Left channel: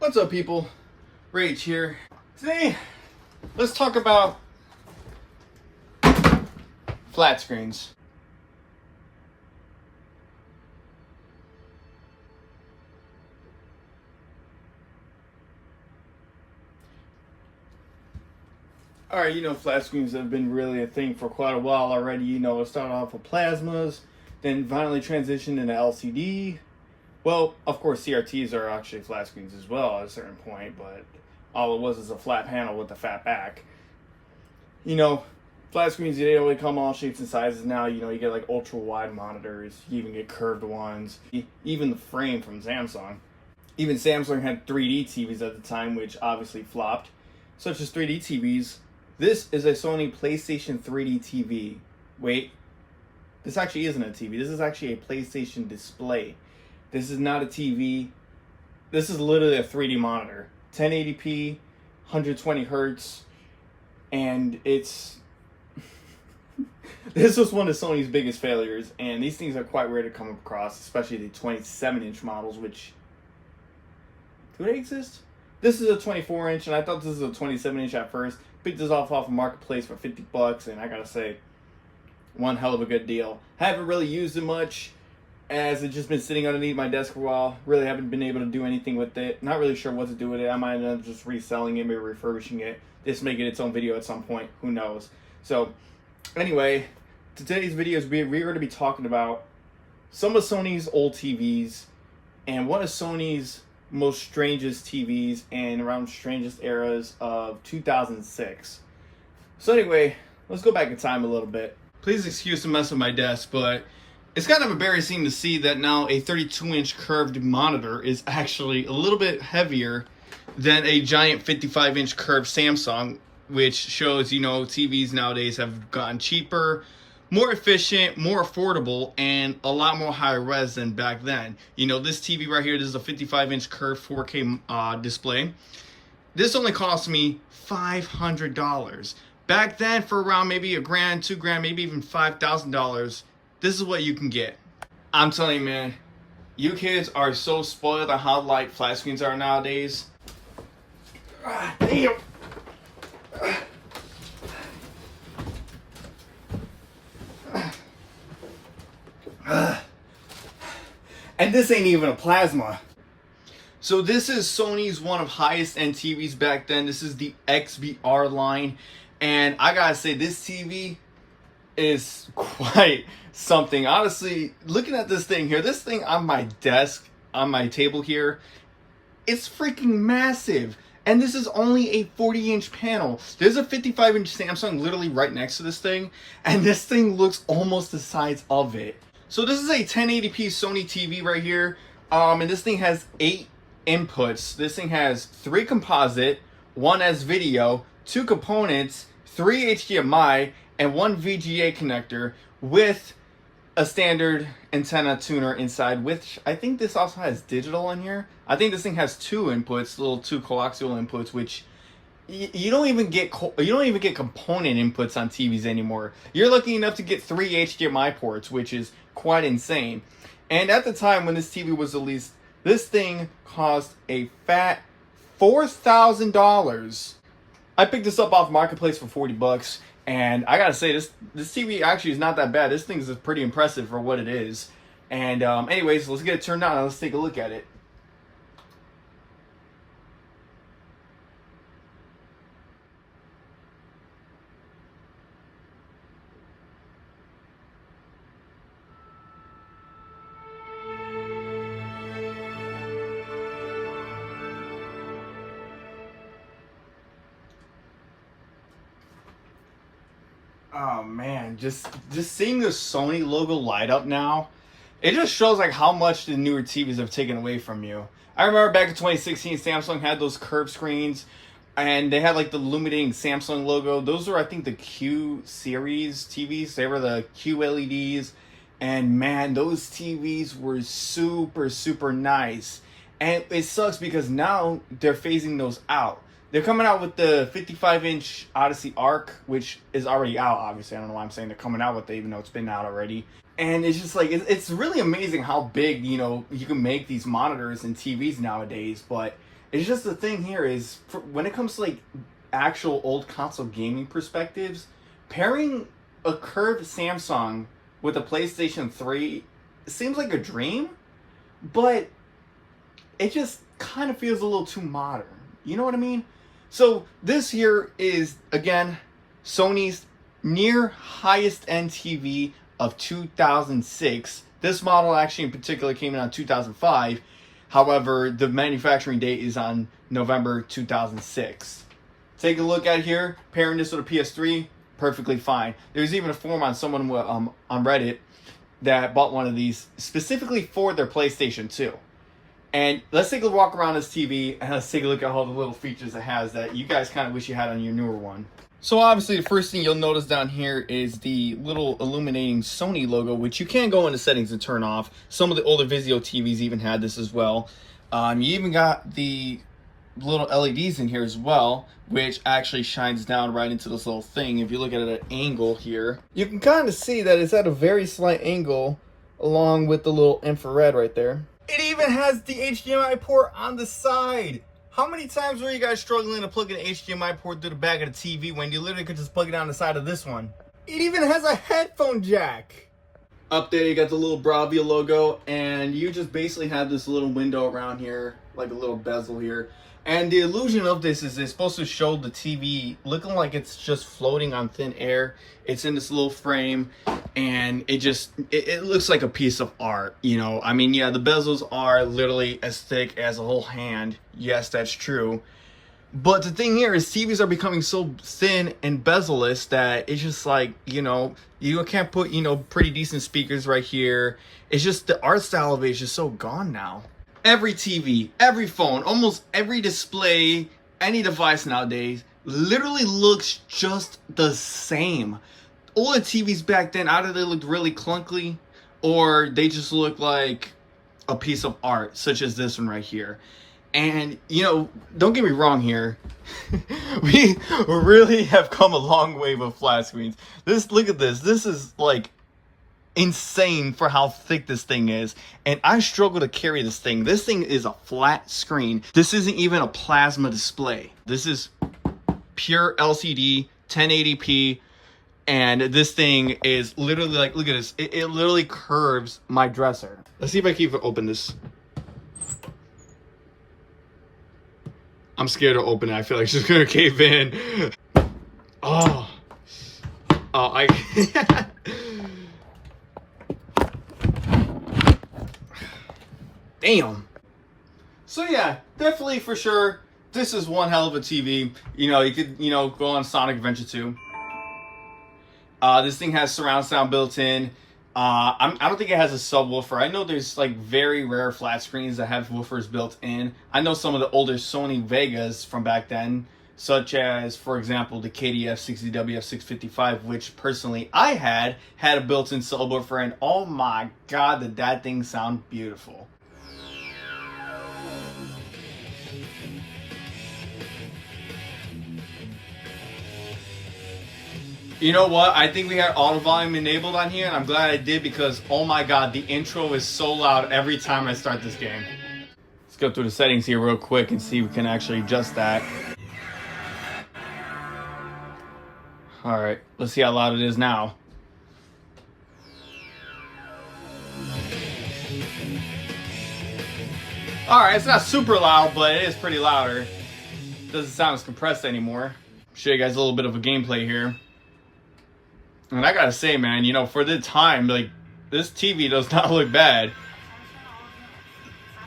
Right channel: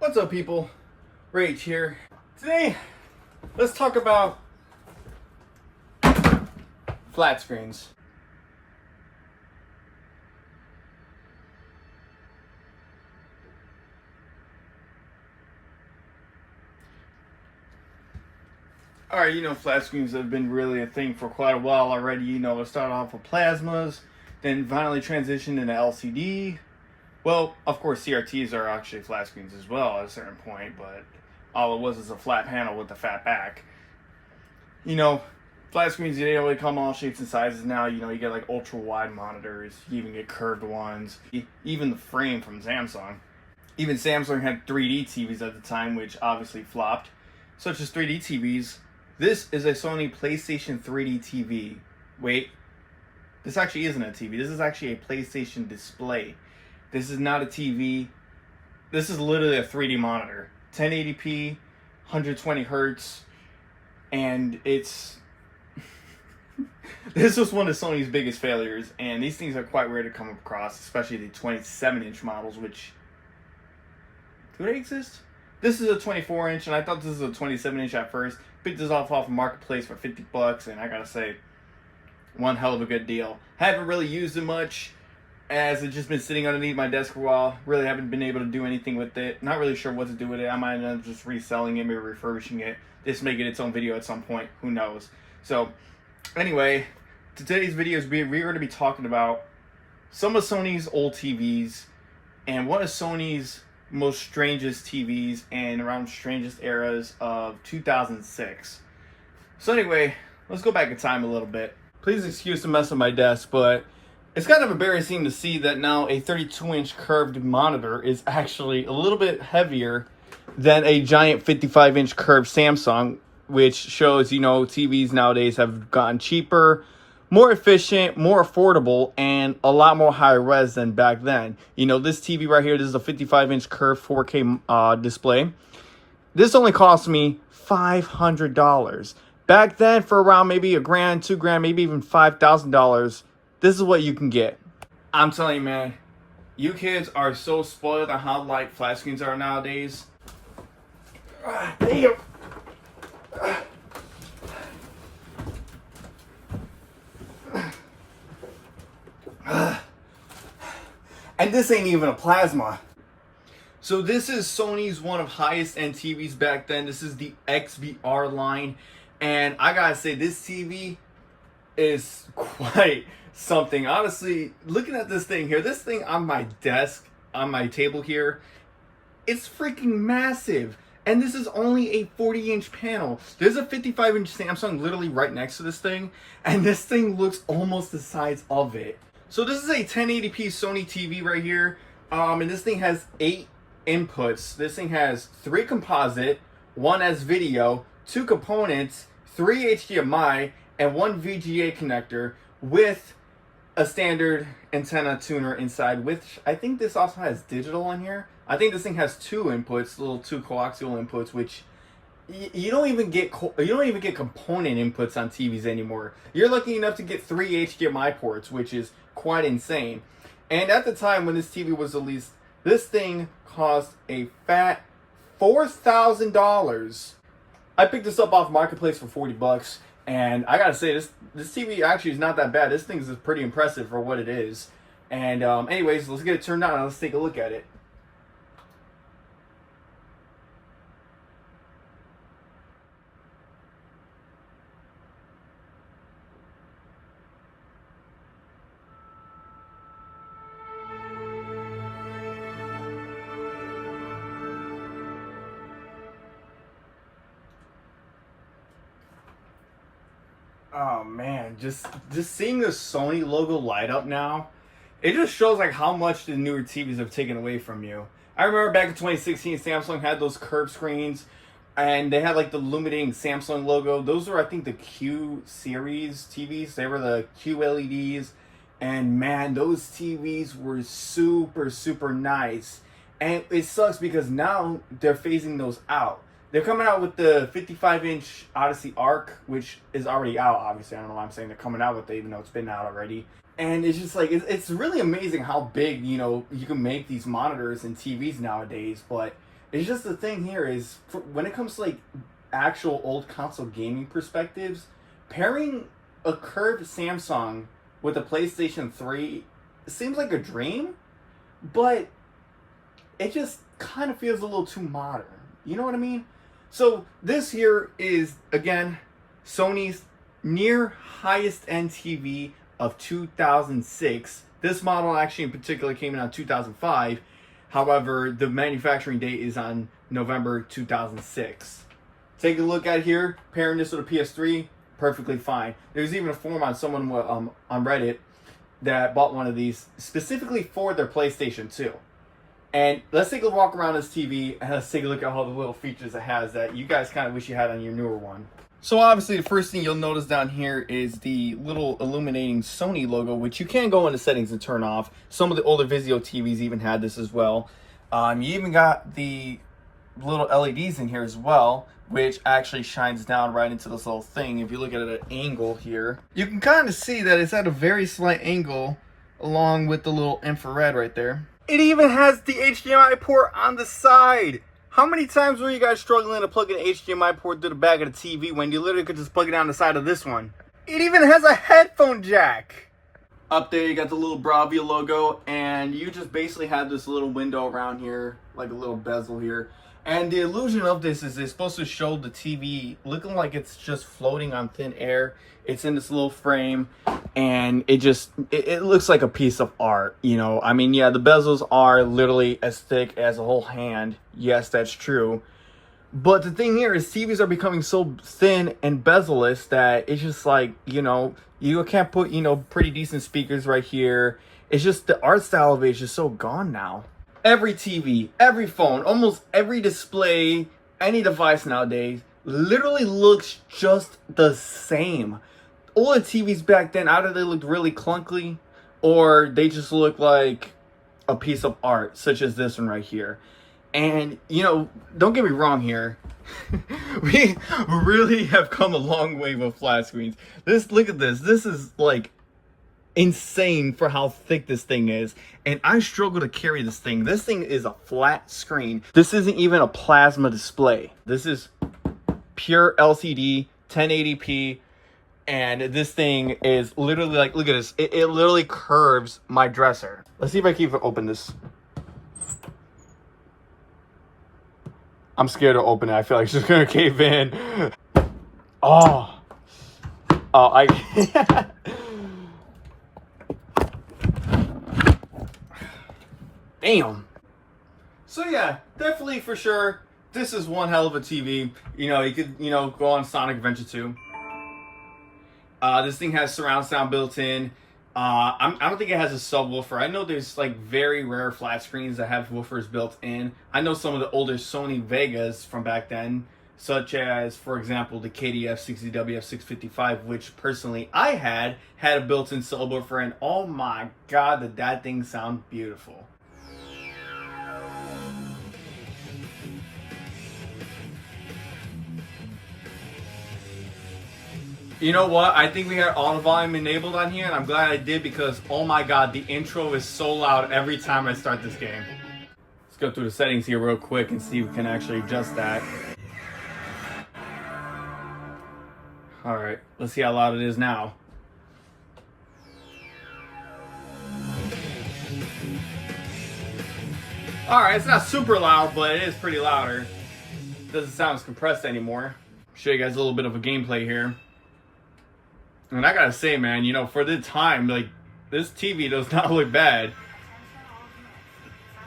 What's up, people? Rage here. Today, let's talk about flat screens. Alright, flat screens have been really a thing for quite a while already. It started off with plasmas, then finally transitioned into LCD. Well, of course, CRTs are actually flat screens as well at a certain point, but all it was is a flat panel with a fat back. Flat screens, they only come all shapes and sizes now. You get like ultra wide monitors, you even get curved ones, even the frame from Samsung. Even Samsung had 3D TVs at the time, which obviously flopped, such as 3D TVs. This is a Sony PlayStation 3D TV. Wait, this actually isn't a TV. This is actually a PlayStation display. This is not a TV. This is literally a 3D monitor. 1080p, 120 hertz, and it's... This was one of Sony's biggest failures, and these things are quite rare to come across, especially the 27-inch models, which... Do they exist? This is a 24-inch, and I thought this was a 27-inch at first. Picked this off of Marketplace for 50 bucks, and I gotta say, one hell of a good deal. Haven't really used it much, as it's just been sitting underneath my desk for a while. Really haven't been able to do anything with it. Not really sure what to do with it. I might end up just reselling it, maybe refurbishing it, just making its own video at some point. Who knows? So, anyway, today's videos we're going to be talking about some of Sony's old TVs, and one of Sony's most strangest TVs and around strangest eras of 2006. So anyway, let's go back in time a little bit. Please excuse the mess of my desk, but it's kind of embarrassing to see that now a 32-inch curved monitor is actually a little bit heavier than a giant 55-inch curved Samsung, which shows, TVs nowadays have gotten cheaper, more efficient, more affordable, and a lot more high res than back then. This TV right here, this is a 55-inch curved 4K display. This only cost me $500. Back then, for around maybe $1,000, $2,000, maybe even $5,000, this is what you can get. I'm telling you, man, you kids are so spoiled on how light flat screens are nowadays. Damn. And this ain't even a plasma. So this is Sony's one of highest end TVs back then. This is the XBR line. And I gotta say, this TV is quite something. Honestly, looking at this thing here, this thing on my desk, on my table here, it's freaking massive. And this is only a 40-inch panel. There's a 55-inch Samsung literally right next to this thing, and this thing looks almost the size of it. So this is a 1080p Sony TV right here, and this thing has 8 inputs. This thing has 3 composite, 1 as video, 2 components, 3 HDMI, and 1 VGA connector with a standard antenna tuner inside, which I think this also has digital on here. I think this thing has 2 inputs, little 2 coaxial inputs, which you don't even get component inputs on TVs anymore. You're lucky enough to get 3 HDMI ports, which is quite insane. And at the time when this TV was released, this thing cost a fat $4,000. I picked this up off Marketplace for 40 bucks, and I gotta say, this TV actually is not that bad. This thing is pretty impressive for what it is. And anyways, let's get it turned on and let's take a look at it. Oh man, just seeing the Sony logo light up now, it just shows like how much the newer TVs have taken away from you. I remember back in 2016, Samsung had those curved screens, and they had like the illuminating Samsung logo. Those were, I think, the Q series TVs. They were the QLEDs, and man, those TVs were super nice. And it sucks because now they're phasing those out. They're coming out with the 55-inch Odyssey Arc, which is already out, obviously. I don't know why I'm saying they're coming out with it, even though it's been out already. And it's just like, it's really amazing how big, you can make these monitors and TVs nowadays. But It's just the thing here is, when it comes to like actual old console gaming perspectives, pairing a curved Samsung with a PlayStation 3 seems like a dream, but it just kind of feels a little too modern. You know what I mean? So this here is, again, Sony's near highest end TV of 2006. This model actually in particular came in on 2005. However, the manufacturing date is on November 2006. Take a look at here, pairing this with a PS3, perfectly fine. There's even a forum on someone on Reddit that bought one of these specifically for their PlayStation 2. And let's take a walk around this TV and let's take a look at all the little features it has that you guys kind of wish you had on your newer one. So obviously the first thing you'll notice down here is the little illuminating Sony logo, which you can go into settings and turn off. Some of the older Vizio TVs even had this as well. You even got the little LEDs in here as well, which actually shines down right into this little thing. If you look at it at an angle here, you can kind of see that it's at a very slight angle along with the little infrared right there. It even has the HDMI port on the side. How many times were you guys struggling to plug an HDMI port to the back of the TV when you literally could just plug it on the side of this one? It even has a headphone jack. Up there you got the little Bravia logo, and you just basically have this little window around here, like a little bezel here. And the illusion of this is it's supposed to show the TV looking like it's just floating on thin air. It's in this little frame, and it looks like a piece of art, you know. I mean, yeah, the bezels are literally as thick as a whole hand. Yes, that's true. But the thing here is TVs are becoming so thin and bezel-less that it's just like, you know, you can't put, you know, pretty decent speakers right here. It's just the art style of it is just so gone now. Every TV, every phone, almost every display, any device nowadays literally looks just the same. Older TVs back then, either they looked really clunky or they just look like a piece of art, such as this one right here. And, you know, don't get me wrong here. We really have come a long way with flat screens. Look at this. This is like insane for how thick this thing is, and I struggle to carry this thing. This thing is a flat screen. This isn't even a plasma display. This is pure LCD 1080p, and this thing is literally like, look at this, it literally curves my dresser. Let's see if I can even open this. I'm scared to open it. I feel like it's just gonna cave in. Damn. So yeah, definitely for sure, this is one hell of a TV. You know, you could, you know, go on Sonic Adventure 2. This thing has surround sound built in. I don't think it has a subwoofer. I know there's like very rare flat screens that have woofers built in. I know some of the older Sony Vegas from back then, such as, for example, the KDF-40XBR2 which personally I had a built-in subwoofer, and oh my god, did that thing sound beautiful. You know what? I think we had auto volume enabled on here, and I'm glad I did, because oh my god, the intro is so loud every time I start this game. Let's go through the settings here real quick and see if we can actually adjust that. Alright, let's see how loud it is now. Alright, it's not super loud, but it is pretty louder. Doesn't sound as compressed anymore. Show you guys a little bit of a gameplay here. And I gotta say, man, you know, for the time, like, this TV does not look bad.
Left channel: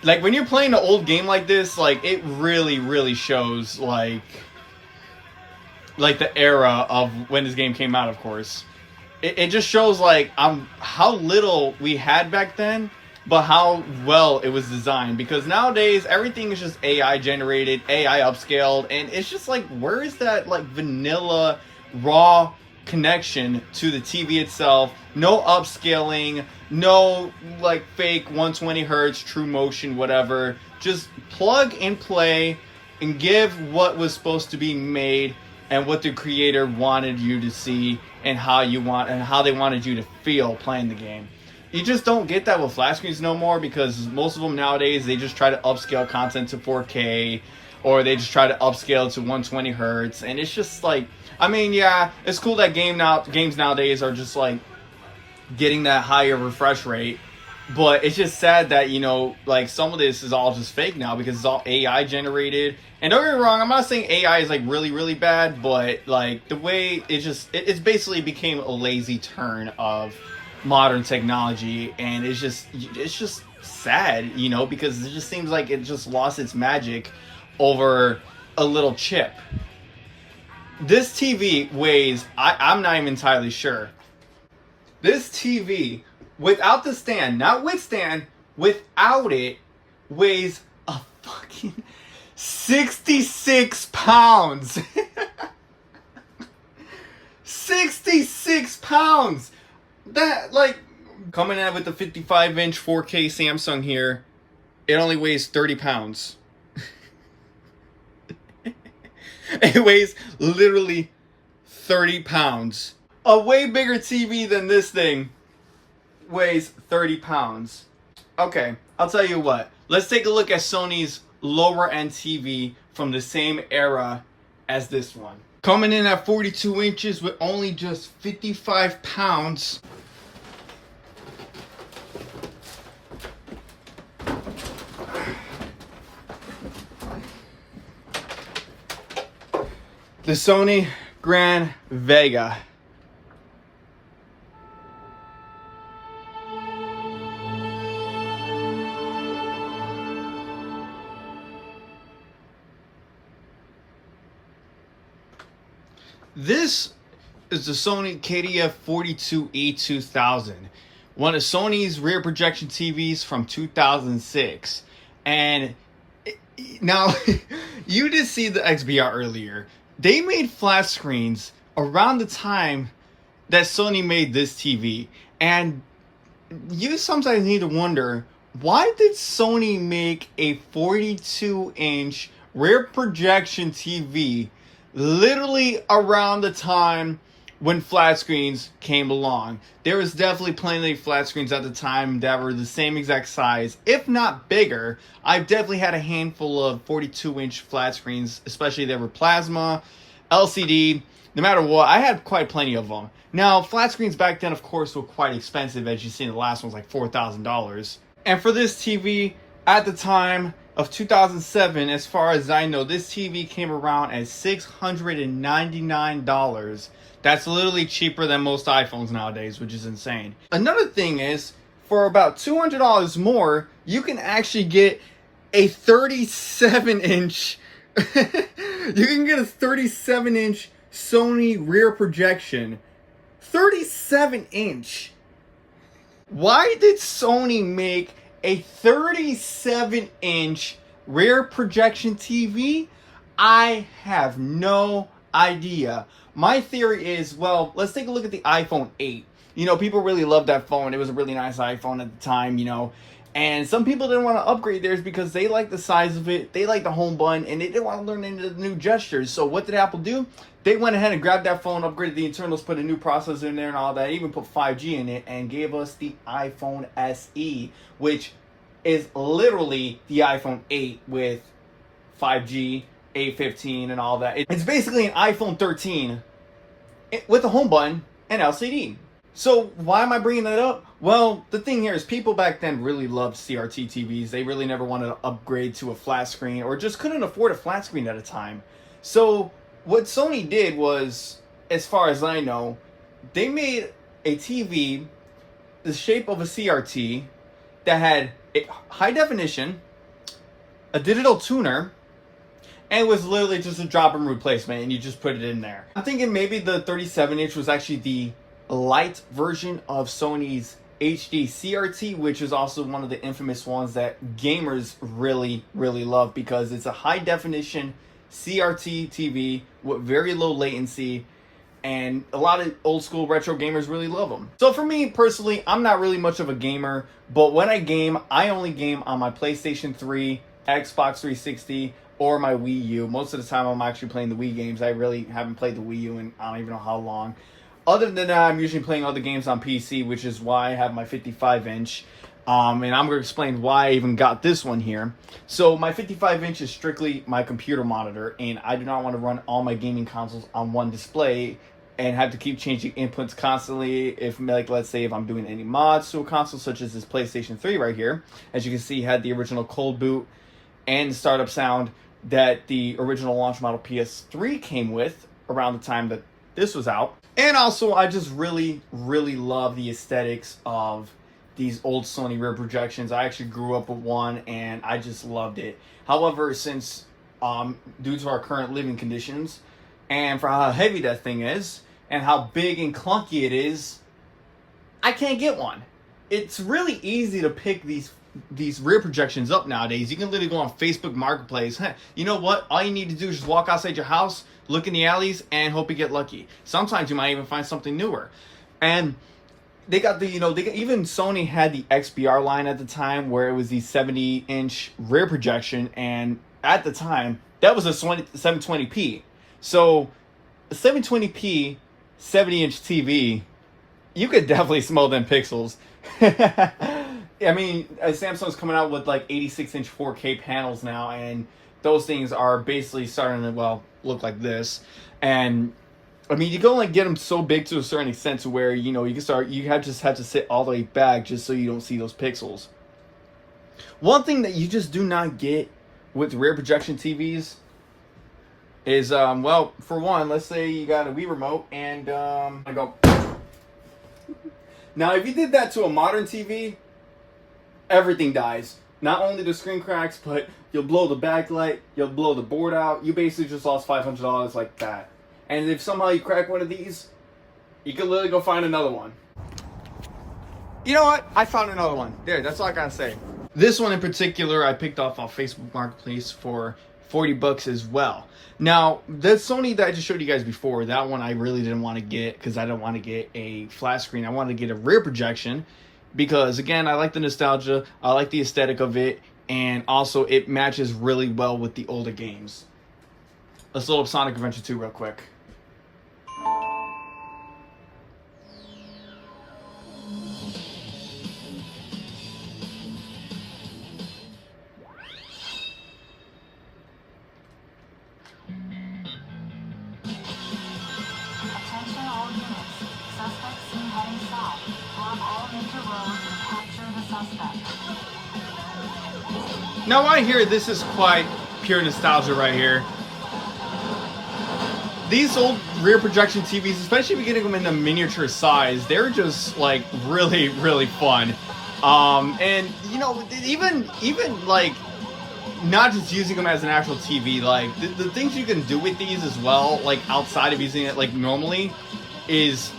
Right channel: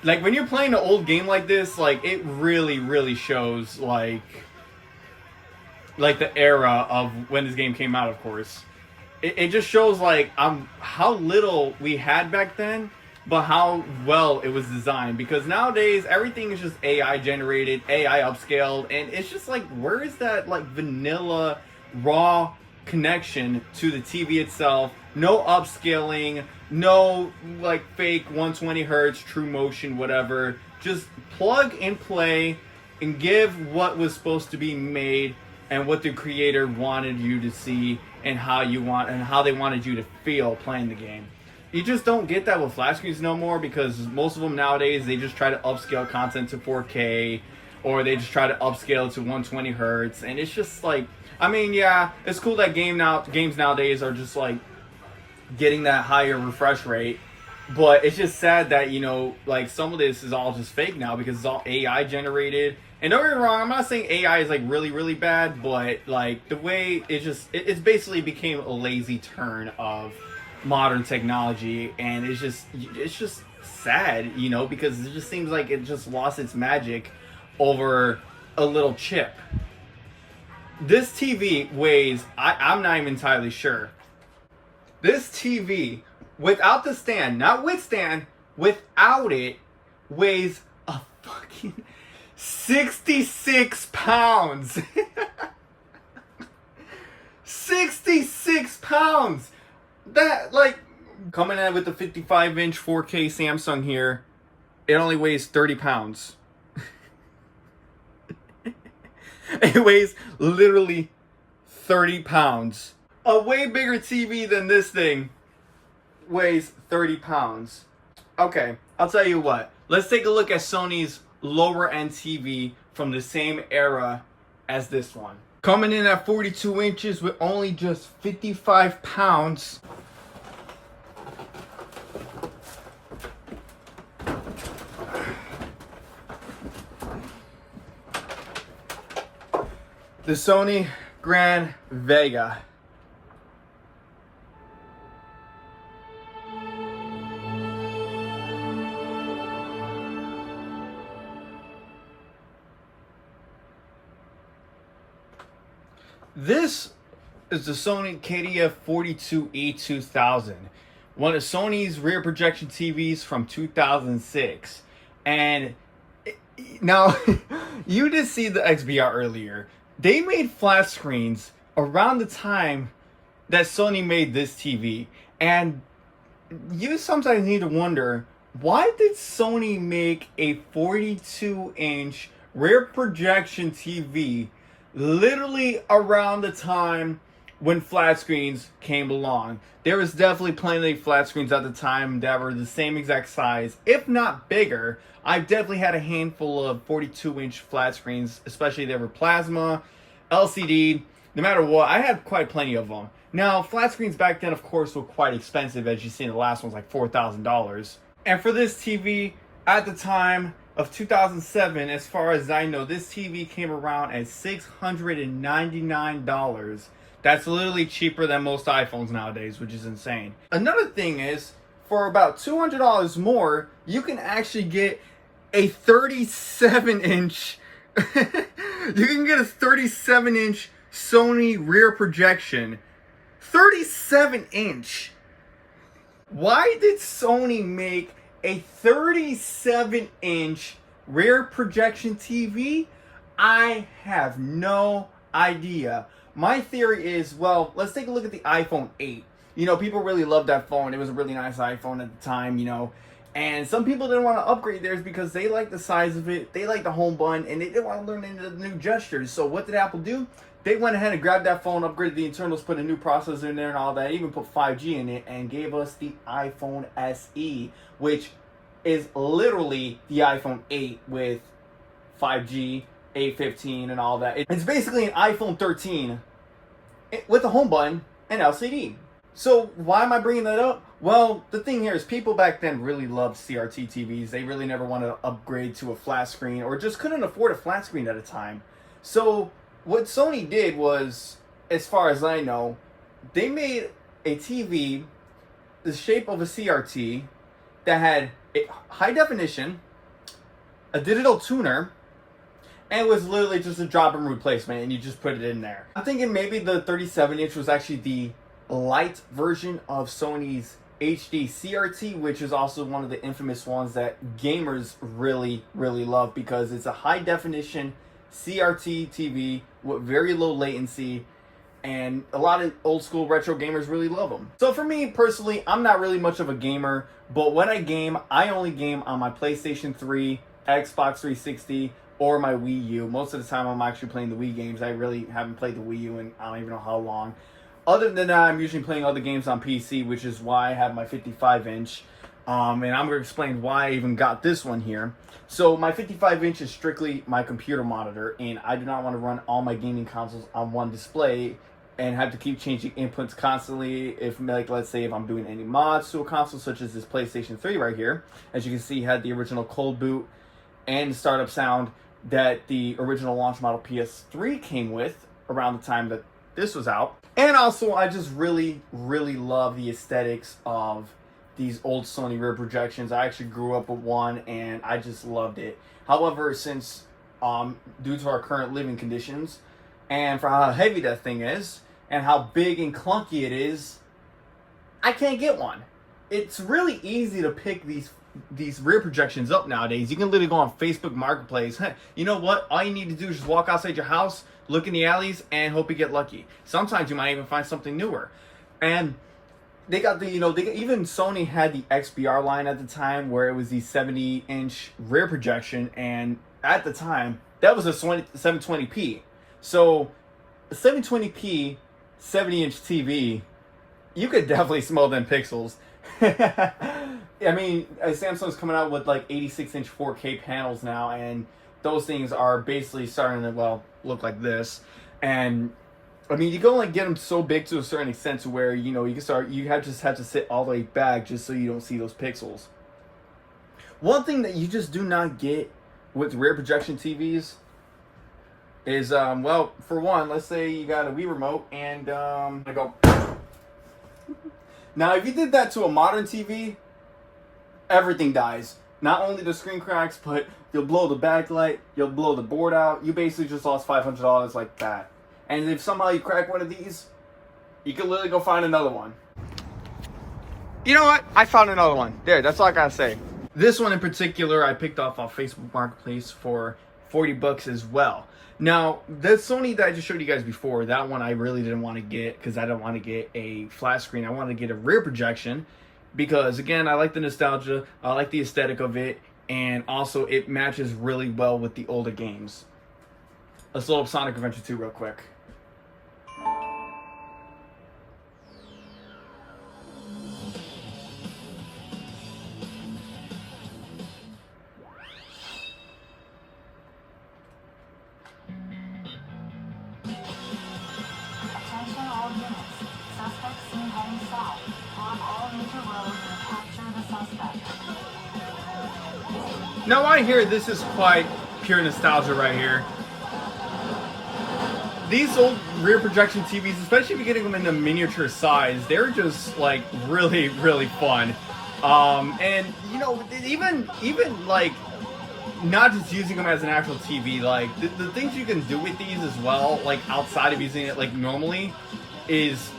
Like, when you're playing an old game like this, like, it really, really shows, like the era of when this game came out, of course. It just shows, like, how little we had back then, but how well it was designed. Because nowadays, everything is just AI generated, AI upscaled, and it's just like, where is that, like, vanilla, raw connection to the TV itself? No upscaling, no like fake 120 hertz true motion, whatever. Just plug and play and give what was supposed to be made and what the creator wanted you to see, and how they wanted you to feel playing the game. you just don't get that with flat screens no more, because most of them nowadays, they just try to upscale content to 4K, or they just try to upscale to 120 hertz, and it's just like, I mean, yeah, it's cool that games nowadays are just like getting that higher refresh rate, but it's just sad that, you know, like some of this is all just fake now because it's all AI generated. And don't get me wrong, I'm not saying AI is like really, really bad, but like the way it's basically became a lazy turn of modern technology, and it's just sad, you know, because it just seems like it just lost its magic over a little chip. This TV weighs, I'm not even entirely sure. This TV, without the stand, not with stand, without it, weighs a fucking 66 pounds. 66 pounds. That, like, coming in with the 55-inch 4K Samsung here, it only weighs 30 pounds. It weighs literally 30 pounds. A way bigger TV than this thing weighs 30 pounds. Okay, I'll tell you what. Let's take a look at Sony's lower end TV from the same era as this one. Coming in at 42 inches with only just 55 pounds. The Sony Vega. This is the Sony KDF-42E2000, one of Sony's rear projection TVs from 2006. And now, you did see the XBR earlier. They made flat screens around the time that Sony made this TV. And you sometimes need to wonder, why did Sony make a 42-inch rear projection TV literally around the time when flat screens came along? There was definitely plenty of flat screens at the time that were the same exact size, if not bigger. I've definitely had a handful of 42-inch flat screens, especially they were plasma, LCD, no matter what. I had quite plenty of them. Now, flat screens back then, of course, were quite expensive. As you see, the last one's like $4,000. And for this TV, at the time of 2007, as far as I know, this TV came around at $699. That's literally cheaper than most iPhones nowadays, which is insane. Another thing is, for about $200 more, you can actually get a 37-inch you can get a 37-inch Sony rear projection. 37-inch. Why did Sony make a 37-inch rear projection TV? I have no idea. My theory is, well, let's take a look at the iPhone 8. You know, people really loved that phone. It was a really nice iPhone at the time, you know. And some people didn't want to upgrade theirs because they liked the size of it, they liked the home button, and they didn't want to learn any of the new gestures. So what did Apple do? They went ahead and grabbed that phone, upgraded the internals, put a new processor in there and all that, even put 5G in it, and gave us the iPhone SE, which is literally the iPhone 8 with 5G, A15, and all that. It's basically an iPhone 13 with a home button and LCD. So why am I bringing that up? Well, the thing here is people back then really loved CRT TVs. They really never wanted to upgrade to a flat screen or just couldn't afford a flat screen at a time. So what Sony did was, as far as I know, they made a TV the shape of a CRT that had a high definition, a digital tuner, and it was literally just a drop-in replacement, and you just put it in there. I'm thinking maybe the 37-inch was actually the light version of Sony's HD CRT, which is also one of the infamous ones that gamers really, really love because it's a high definition CRT TV with very low latency, and a lot of old school retro gamers really love them. So for me personally, I'm not really much of a gamer, but when I game, I only game on my PlayStation 3, Xbox 360, or my Wii U. Most of the time I'm actually playing the Wii games. I really haven't played the Wii U in I don't even know how long. Other than that, I'm usually playing other games on PC, which is why I have my 55-inch. And I'm going to explain why I even got this one here. So my 55-inch is strictly my computer monitor, and I do not want to run all my gaming consoles on one display and have to keep changing inputs constantly. If, like, let's say if I'm doing any mods to a console, such as this PlayStation 3 right here, as you can see, had the original cold boot and the startup sound that the original launch model PS3 came with around the time that this was out. And also, I just really, really love the aesthetics of these old Sony rear projections. I actually grew up with one, and I just loved it. However, since due to our current living conditions, and for how heavy that thing is, and how big and clunky it is, I can't get one. It's really easy to pick these rear projections up nowadays. You can literally go on Facebook Marketplace. Hey, you know what? All you need to do is just walk outside your house, look in the alleys, and hope you get lucky. Sometimes you might even find something newer. And they got the, even Sony had the XBR line at the time, where it was the 70-inch rear projection, and at the time, that was a 720p. So, a 720p, 70-inch TV, you could definitely smell them pixels. I mean, Samsung's coming out with like 86-inch 4K panels now, and those things are basically starting to, well, look like this. And I mean, you can only get them so big to a certain extent to where, you just have to sit all the way back just so you don't see those pixels. One thing that you just do not get with rear projection TVs is, well, for one, let's say you got a Wii remote and I go. Now, if you did that to a modern TV, everything dies. Not only the screen cracks, but you'll blow the backlight, you'll blow the board out. You basically just lost $500 like that. And if somehow you crack one of these, you can literally go find another one. You know what? I found another one. There, that's all I gotta say. This one in particular, I picked off Facebook Marketplace for $40 as well. Now, the Sony that I just showed you guys before, that one I really didn't want to get because I don't want to get a flat screen. I wanted to get a rear projection because, again, I like the nostalgia, I like the aesthetic of it, and also it matches really well with the older games. Let's load up Sonic Adventure 2 real quick. Attention all units. Suspect seen heading south. Block all major roads and capture the suspect. Now I hear this is quite pure nostalgia right here. These old rear projection TVs, especially if you're getting them in the miniature size, they're just like really, really fun. And even like not just using them as an actual TV, like the things you can do with these as well, like outside of using it like normally, it's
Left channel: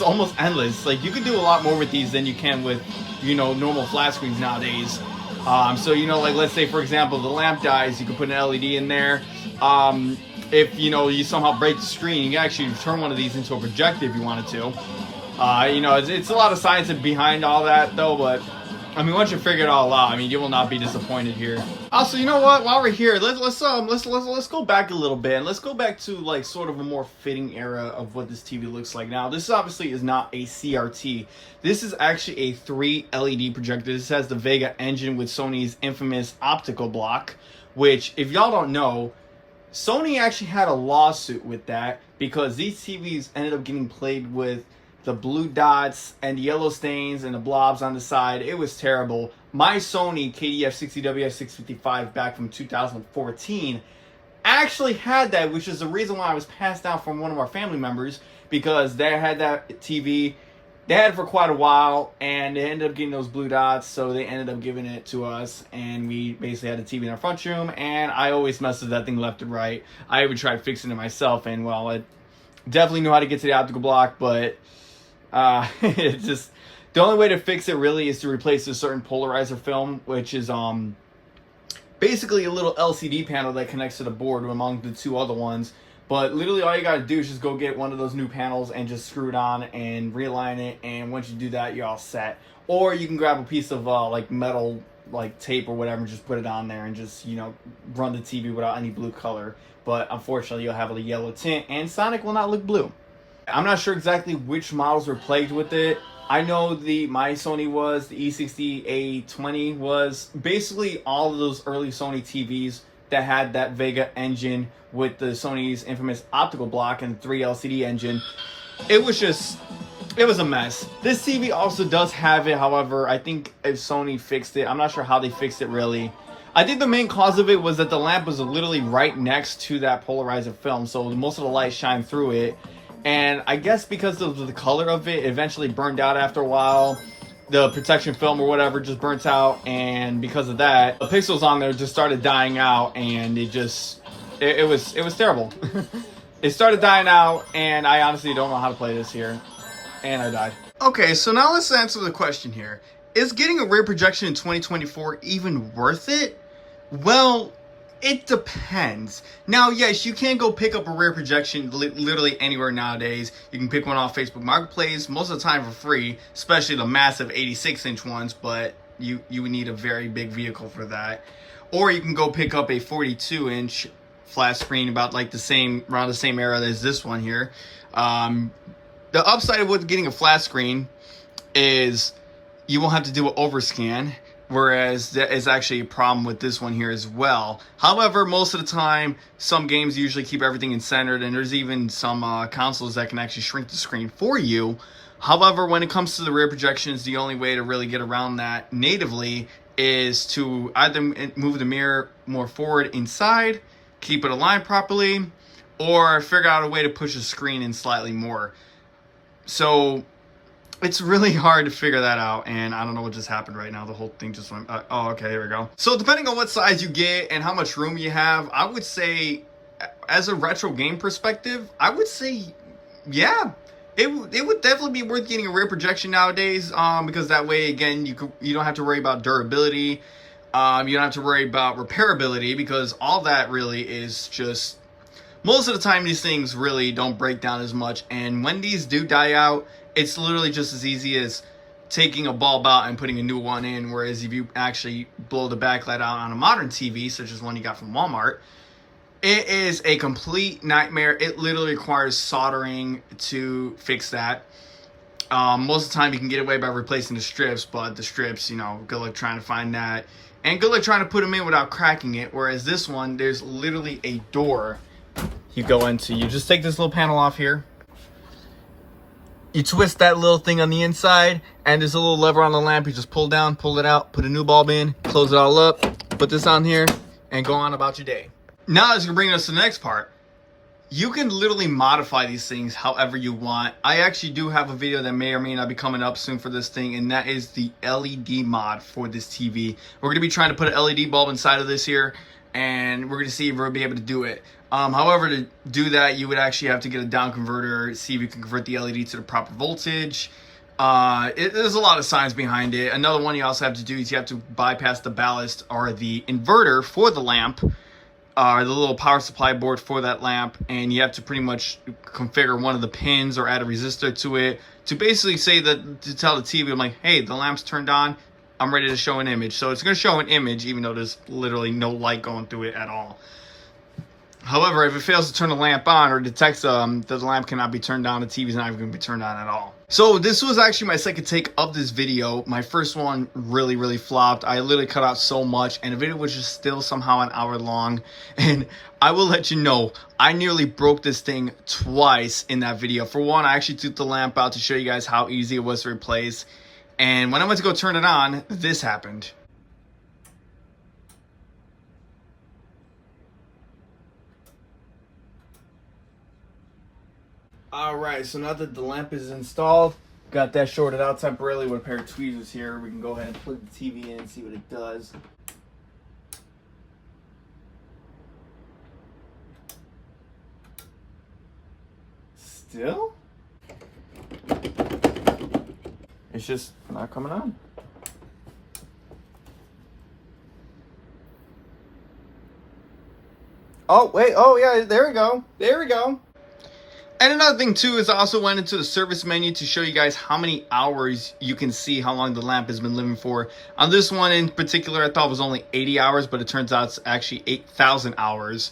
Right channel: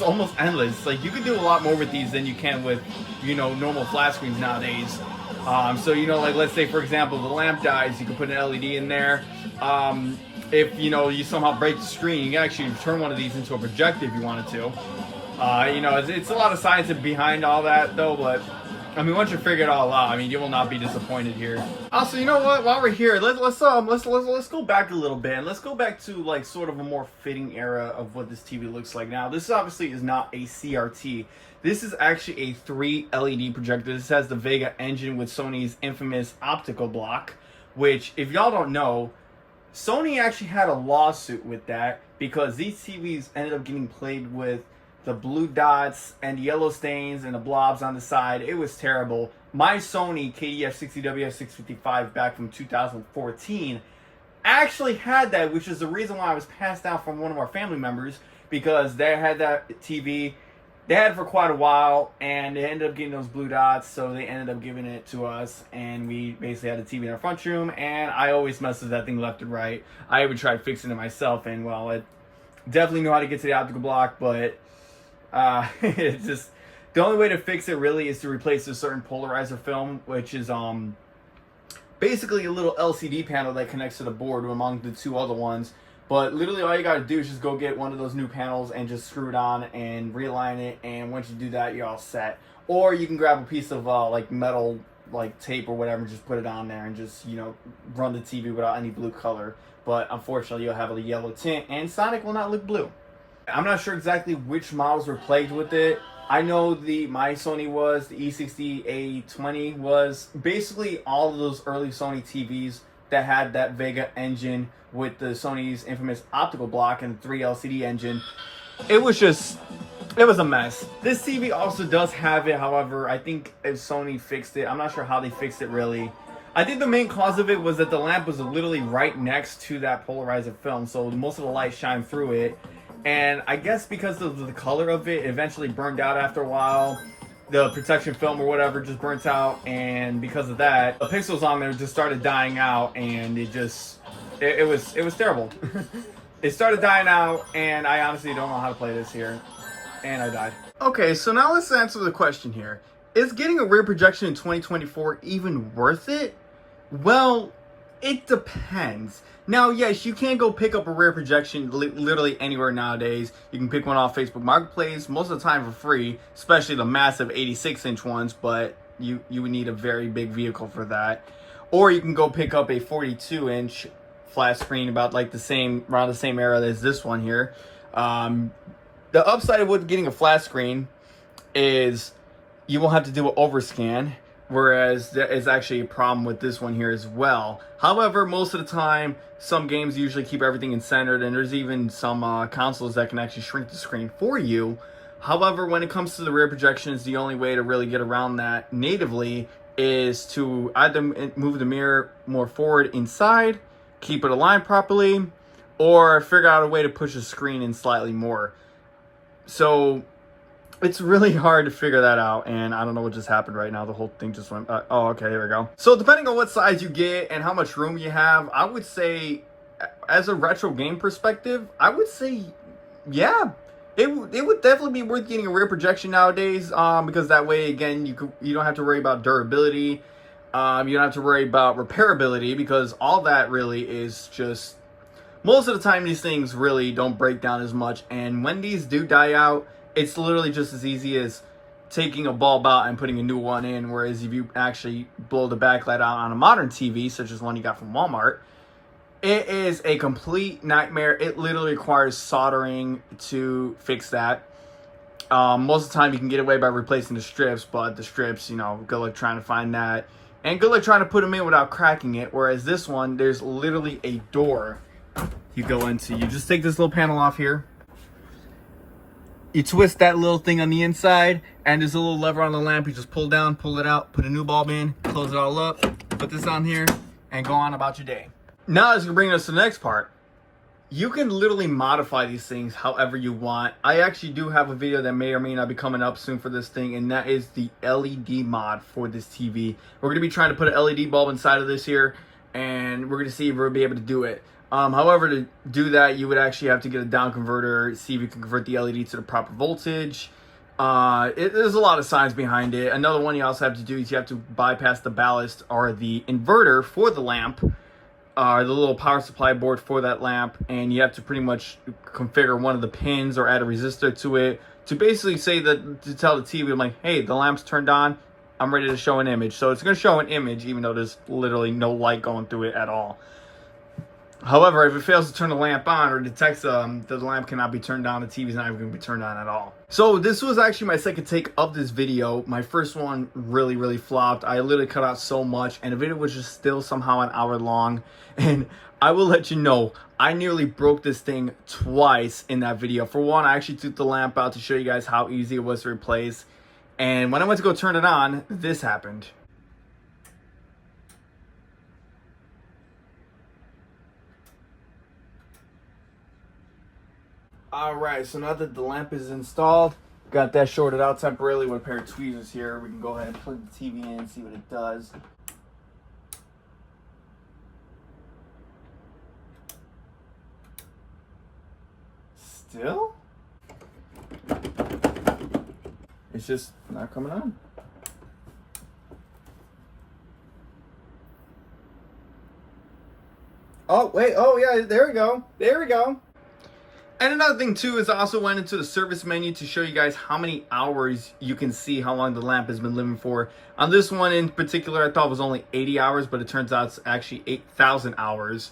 almost endless. Like you can do a lot more with these than you can with normal flat screens nowadays. So like let's say for example the lamp dies, you can put an LED in there. If you somehow break the screen, you can actually turn one of these into a projector if you wanted to. It's a lot of science behind all that though, but I mean once you figure it all out, I mean you will not be disappointed here. Also, you know what? While we're here, let's go back a little bit and let's go back to like sort of a more fitting era of what this TV looks like now. This obviously is not a CRT. This is actually a 3 LED projector. This has the Wega engine with Sony's infamous optical block, which if y'all don't know, Sony actually had a lawsuit with that because these TVs ended up getting plagued with the blue dots and the yellow stains and the blobs on the side. It was terrible. My Sony KDF-40XBR2 back from 2014 actually had that, which is the reason why I was passed down from one of our family members, because they had that TV. They had it for quite a while, and they ended up getting those blue dots, so they ended up giving it to us, and we basically had a TV in our front room, and I always messed with that thing left and right. I even tried fixing it myself, and well, it definitely knew how to get to the optical block, but it just, the only way to fix it really is to replace a certain polarizer film, which is basically a little LCD panel that connects to the board among the two other ones. But literally all you gotta do is just go get one of those new panels and just screw it on and realign it, and once you do that, you're all set. Or you can grab a piece of like metal, like tape or whatever, and just put it on there and just run the TV without any blue color. But unfortunately, you'll have a yellow tint, and Sonic will not look blue. I'm not sure exactly which models were plagued with it. I know my Sony was, the E60A20 was, basically all of those early Sony TVs that had that Vega engine with the Sony's infamous optical block and 3 LCD engine. It was a mess. This TV also does have it, however, I think if Sony fixed it, I'm not sure how they fixed it really. I think the main cause of it was that the lamp was literally right next to that polarizer film, so most of the light shined through it. And I guess because of the color of it, it eventually burned out after a while. The protection film or whatever just burnt out, and because of that, the pixels on there just started dying out, and it was terrible. It started dying out, and I honestly don't know how to play this here. And I died. Okay, so now let's answer the question here. Is getting a rear projection in 2024 even worth it? Well, it depends. Now, yes, you can go pick up a rear projection literally anywhere nowadays. You can pick one off Facebook Marketplace, most of the time for free, especially the massive 86-inch ones, but you would need a very big vehicle for that. Or you can go pick up a 42-inch flat screen about like around the same era as this one here. The upside with getting a flat screen is you won't have to do an overscan, whereas that is actually a problem with this one here as well. However, most of the time, some games usually keep everything in centered, and there's even some consoles that can actually shrink the screen for you. However, when it comes to the rear projections, the only way to really get around that natively is to either move the mirror more forward inside, keep it aligned properly, or figure out a way to push the screen in slightly more. So it's really hard to figure that out, and I don't know what just happened right now. The whole thing just went, oh, okay, here we go. So depending on what size you get and how much room you have, I would say, as a retro game perspective, I would say, yeah, it would definitely be worth getting a rear projection nowadays, because that way, again, you don't have to worry about durability. You don't have to worry about repairability, because all that really is just, most of the time these things really don't break down as much, and when these do die out, it's literally just as easy as taking a bulb out and putting a new one in, whereas if you actually blow the backlight out on a modern TV, such as one you got from Walmart, it is a complete nightmare. It literally requires soldering to fix that. Most of the time you can get away by replacing the strips, but the strips, good luck trying to find that, and good luck trying to put them in without cracking it, whereas this one, there's literally a door you go into. You just take this little panel off here, you twist that little thing on the inside, and there's a little lever on the lamp. You just pull down, pull it out, put a new bulb in, close it all up, put this on here, and go on about your day. Now that's gonna bring us to the next part. You can literally modify these things however you want. I actually do have a video that may or may not be coming up soon for this thing, and that is the LED mod for this TV. We're gonna be trying to put an LED bulb inside of this here, and we're gonna see if we'll be able to do it. However, to do that, you would actually have to get a down converter, see if you can convert the LED to the proper voltage. There's a lot of science behind it. Another one you also have to do is you have to bypass the ballast or the inverter for the lamp, the little power supply board for that lamp, and you have to pretty much configure one of the pins or add a resistor to it to basically say that, to tell the TV, I'm like, hey, the lamp's turned on, I'm ready to show an image. So it's going to show an image even though there's literally no light going through it at all. However, if it fails to turn the lamp on or detects that the lamp cannot be turned on, the TV's not even going to be turned on at all. So this was actually my second take of this video. My first one really flopped. I literally cut out so much, and the video was just still somehow an hour long. And I will let you know, I nearly broke this thing twice in that video. For one, I actually took the lamp out to show you guys how easy it was to replace. And when I went to go turn it on, this happened. Alright, so now that the lamp is installed, got that shorted out temporarily with a pair of tweezers here. We can go ahead and plug the TV in and see what it does. Still? It's just not coming on. Oh, wait, oh yeah, there we go. There we go. And another thing too is I also went into the service menu to show you guys how many hours you can see how long the lamp has been living for. On this one in particular, I thought it was only 80 hours, but it turns out it's actually 8,000 hours.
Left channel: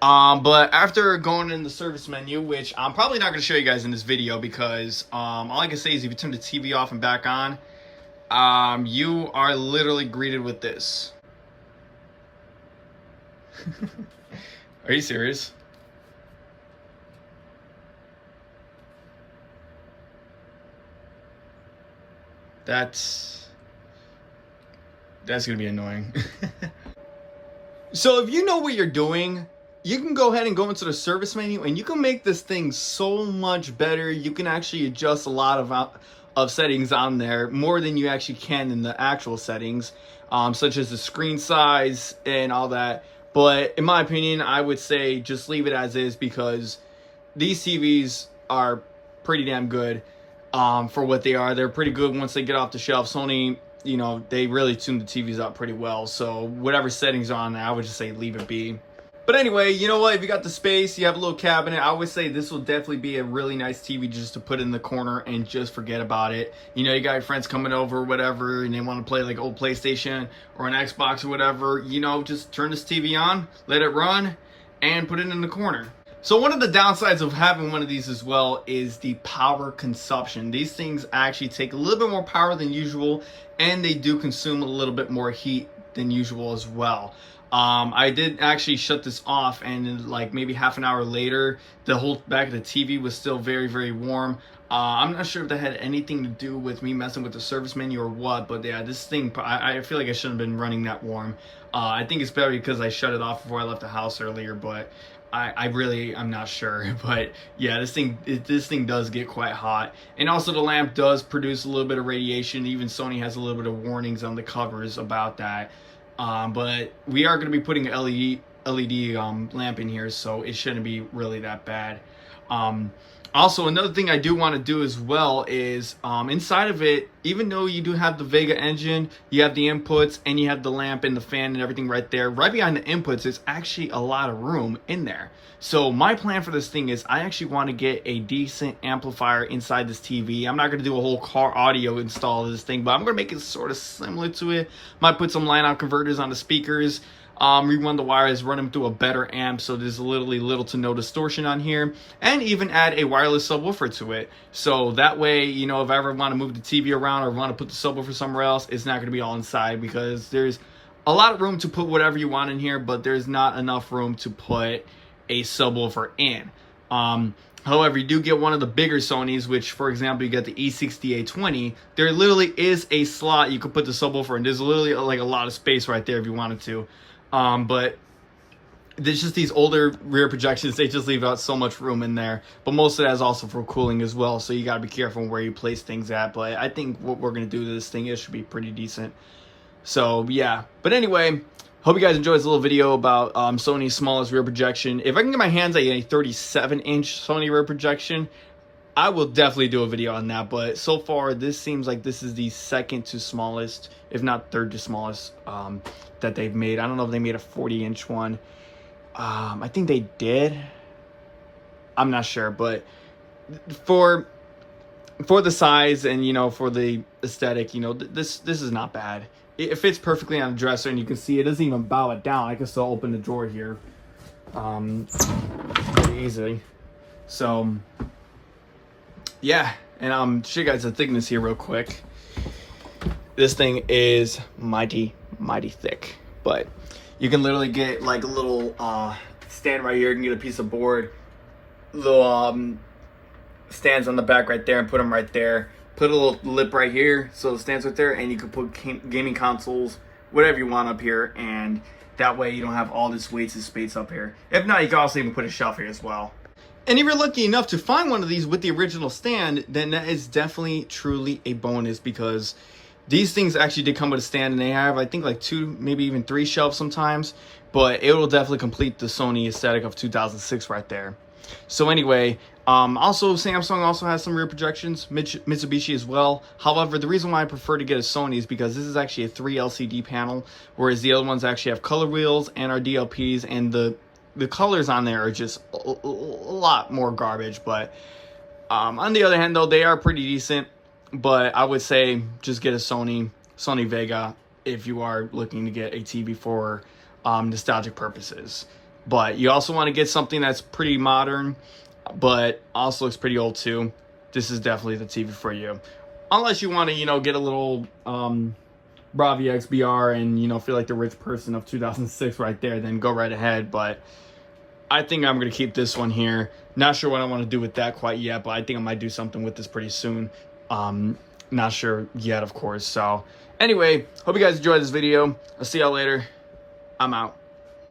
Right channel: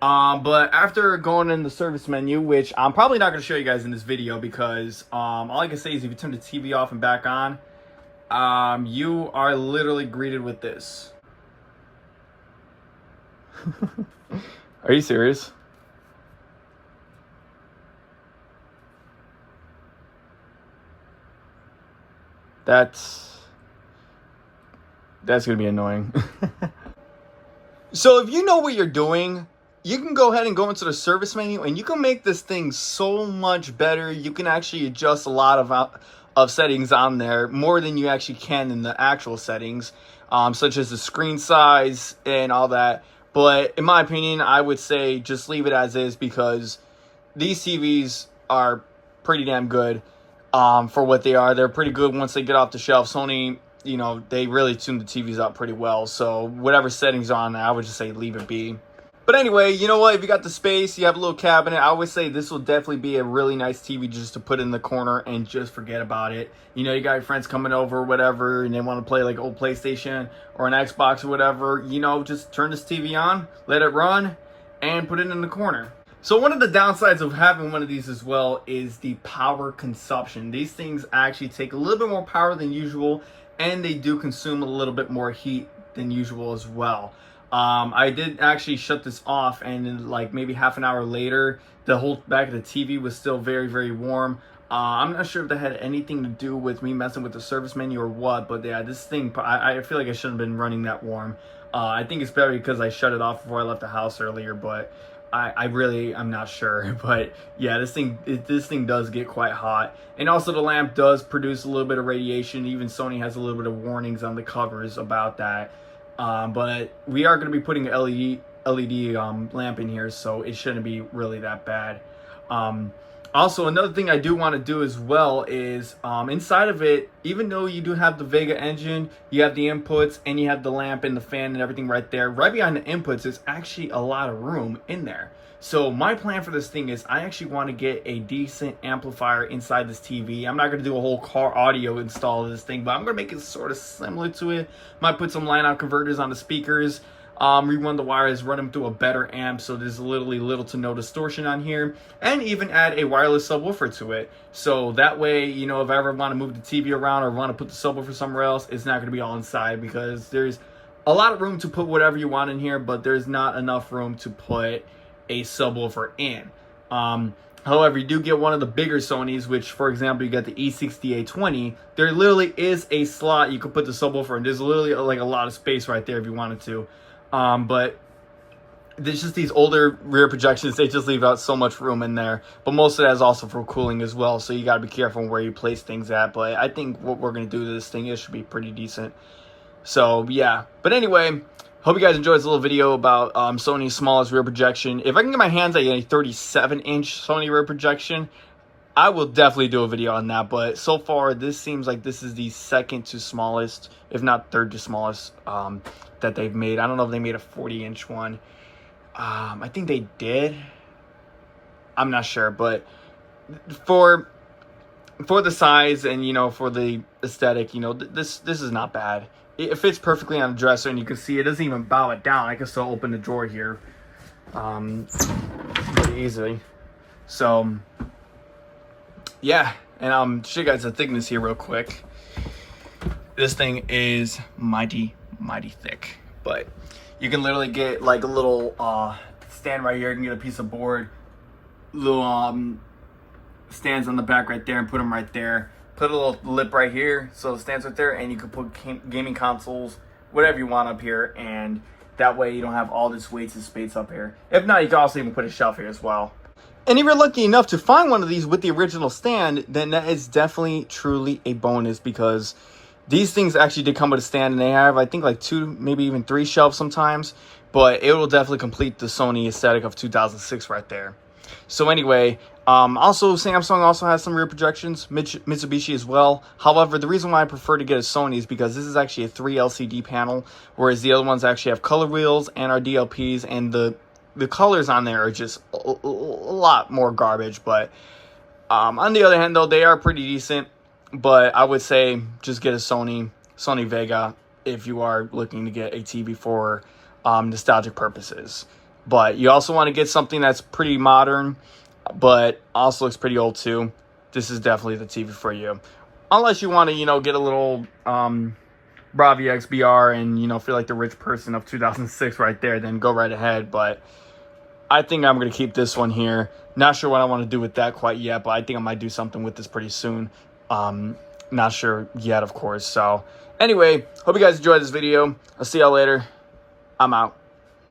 But after going in the service menu, which I'm probably not going to show you guys in this video because all I can say is if you turn the TV off and back on, you are literally greeted with this. Are you serious? That's gonna be annoying. So if you know what you're doing, you can go ahead and go into the service menu and you can make this thing so much better. You can actually adjust a lot of settings on there, more than you actually can in the actual settings, such as the screen size and all that. But in my opinion, I would say just leave it as is because these TVs are pretty damn good for what they are. They're pretty good once they get off the shelf. Sony, you know, they really tune the TVs up pretty well. So whatever settings are on there, I would just say leave it be. But anyway, you know what? If you got the space, you have a little cabinet, I would say this will definitely be a really nice TV just to put in the corner and just forget about it. You know, you got your friends coming over or whatever, and they want to play like old PlayStation or an Xbox or whatever, you know, just turn this TV on, let it run, and put it in the corner. So one of the downsides of having one of these as well is the power consumption. These things actually take a little bit more power than usual, and they do consume a little bit more heat than usual as well. I did actually shut this off, and in like maybe half an hour later, the whole back of the TV was still very, very warm. I'm not sure if that had anything to do with me messing with the service menu or what, but yeah, this thing, I feel like I shouldn't have been running that warm. I think it's better because I shut it off before I left the house earlier, but I'm not sure. But yeah, this thing does get quite hot, and also the lamp does produce a little bit of radiation. Even Sony has a little bit of warnings on the covers about that. But we are going to be putting an LED lamp in here, so it shouldn't be really that bad. Also, another thing I do want to do as well is inside of it, even though you do have the Wega engine, you have the inputs, and you have the lamp and the fan and everything right there. Right behind the inputs is actually a lot of room in there. So my plan for this thing is I actually want to get a decent amplifier inside this TV. I'm not going to do a whole car audio install of this thing, but I'm going to make it sort of similar to it. Might put some line out converters on the speakers. Rerun the wires, run them through a better amp so there's literally little to no distortion on here, and even add a wireless subwoofer to it. So that way, you know, if I ever want to move the TV around or want to put the subwoofer somewhere else, it's not going to be all inside, because there's a lot of room to put whatever you want in here, but there's not enough room to put a subwoofer in. However, you do get one of the bigger Sonys, which, for example, you got the E60A20. There literally is a slot you could put the subwoofer in. There's literally like a lot of space right there if you wanted to. But there's just these older rear projections, they just leave out so much room in there. But most of that is also for cooling as well, so you got to be careful where you place things at. But I think what we're going to do to this thing, it should be pretty decent. So yeah, but anyway, hope you guys enjoyed this little video about Sony's smallest rear projection. If I can get my hands on a 37-inch Sony rear projection, I will definitely do a video on that. But so far, this seems like this is the second to smallest, if not third to smallest, that they've made. I don't know if they made a 40-inch one. I think they did. I'm not sure, but for the size and, you know, for the aesthetic, you know, this is not bad. It fits perfectly on the dresser, and you can see it doesn't even bow it down. I can still open the drawer here pretty easily. So yeah, and I'll show you guys the thickness here real quick. This thing is mighty thick, but you can literally get like a little stand right here. You can get a piece of board, little stands on the back right there, and put them right there. Put a little lip right here so it stands right there, and you can put gaming consoles, whatever you want up here, and that way you don't have all this wasted space up here. If not, you can also even put a shelf here as well. And if you're lucky enough to find one of these with the original stand, then that is definitely truly a bonus, because these things actually did come with a stand, and they have, I think, like 2, maybe even 3 shelves sometimes, but it will definitely complete the Sony aesthetic of 2006 right there. So anyway, also Samsung also has some rear projections, Mitsubishi as well. However, the reason why I prefer to get a Sony is because this is actually a 3 LCD panel, whereas the other ones actually have color wheels and are DLPs, and the colors on there are just a lot more garbage. But on the other hand, though, they are pretty decent. But I would say just get a Sony Wega if you are looking to get a TV for nostalgic purposes. But you also want to get something that's pretty modern, but also looks pretty old too. This is definitely the TV for you. Unless you want to, you know, get a little Bravia XBR and, you know, feel like the rich person of 2006 right there, then go right ahead. But I think I'm going to keep this one here. Not sure what I want to do with that quite yet, but I think I might do something with this pretty soon. Not sure yet, of course. So anyway, hope you guys enjoyed this video. I'll see y'all later. I'm out.